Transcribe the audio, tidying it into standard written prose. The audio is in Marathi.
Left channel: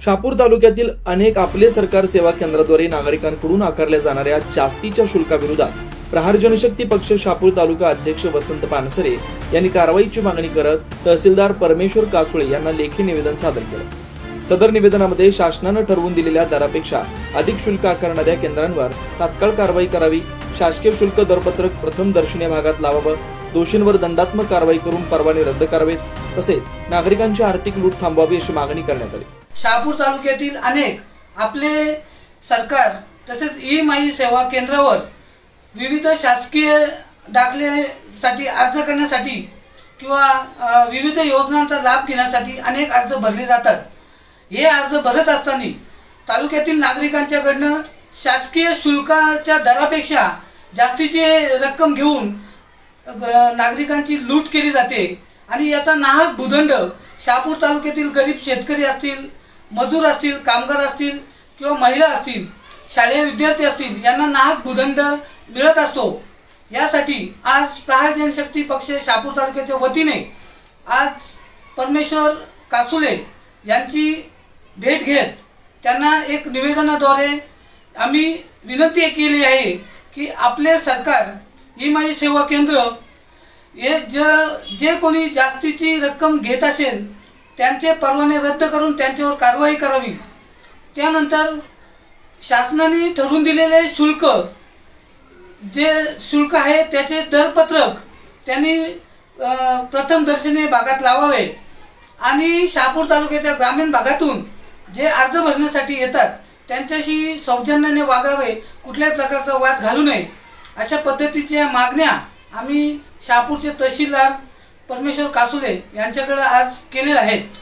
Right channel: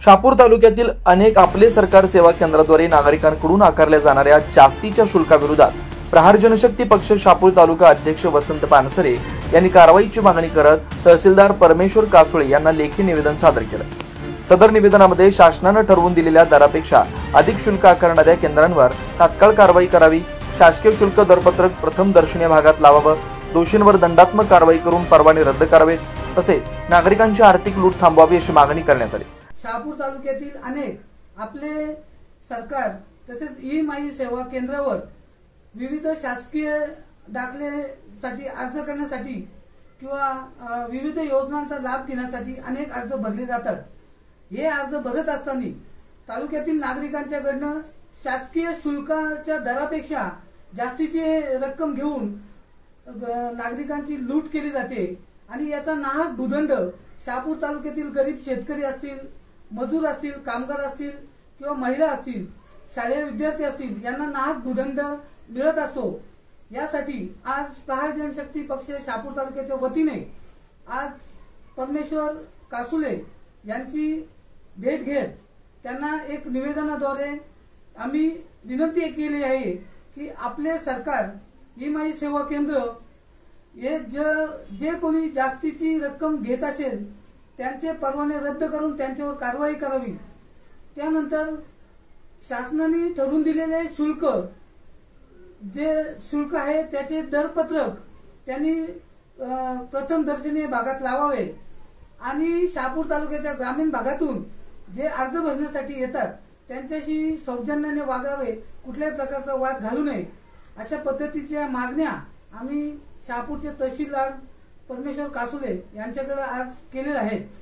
शहापूर तालुक्यातील अनेक आपले सरकार सेवा केंद्राद्वारे नागरिकांकडून आकारल्या जाणाऱ्या जास्तीच्या शुल्काविरोधात प्रहार जनशक्ती पक्ष शहापूर तालुका अध्यक्ष वसंत पानसरे यांनी कारवाईची मागणी करत तहसीलदार परमेश्वर कासुळे यांना लेखी निवेदन सादर केलं। सदर निवेदनामध्ये शासनाने ठरवून दिलेल्या दरापेक्षा अधिक शुल्क आकारणाऱ्या केंद्रांवर तात्काळ कारवाई करावी, शासकीय शुल्क दरपत्रक प्रथम दर्शनीय भागात लावावं, दोषींवर दंडात्मक कारवाई करून परवाने रद्द करावेत, तसेच नागरिकांची आर्थिक लूट थांबवावी अशी मागणी करण्यात आली। शहापूर तालुक्यातील अनेक आपले सरकार तसेच ई-माई सेवा केंद्रावर विविध शासकीय दाखल्यासाठी अर्ज करण्यासाठी किंवा विविध योजनांचा लाभ घेण्यासाठी अनेक अर्ज भरले जातात। हे अर्ज भरत असताना तालुक्यातील नागरिकांच्याकडून शासकीय शुल्काच्या दरापेक्षा जास्तीची रक्कम घेऊन नागरिकांची लूट केली जाते आणि याचा नाहक भूदंड शहापूर तालुक्यातील गरीब शेतकरी असतील, मजूर असतील, कामगार असतील किंवा महिला असतील, शालेय विद्यार्थी असतील यांना नाहक भूदंड मिळत असतो। यासाठी आज प्रहार जनशक्ती पक्ष शहापूर तालुक्याच्या वतीने आज परमेश्वर कासुळे यांची भेट घेत त्यांना एक निवेदनाद्वारे आम्ही विनंती केली आहे की आपले सरकार ई-माई सेवा केंद्र हे जे कोणी जास्तीची रक्कम घेत असेल त्यांचे परवाने रद्द करून त्यांच्यावर कारवाई करावी। त्यानंतर शासनाने ठरवून दिलेले शुल्क जे शुल्क आहे त्याचे दरपत्रक त्यांनी प्रथम दर्शनीय भागात लावावे आणि शहापूर तालुक्याच्या ग्रामीण भागातून जे अर्ज भरण्यासाठी येतात त्यांच्याशी सौजन्याने वागावे, कुठल्याही प्रकारचा वाद घालू नये अशा पद्धतीच्या मागण्या आम्ही शहापूरचे तहसीलदार परमेश्वर कासुळे यांच्याकडे आज केलेल्या आहेत।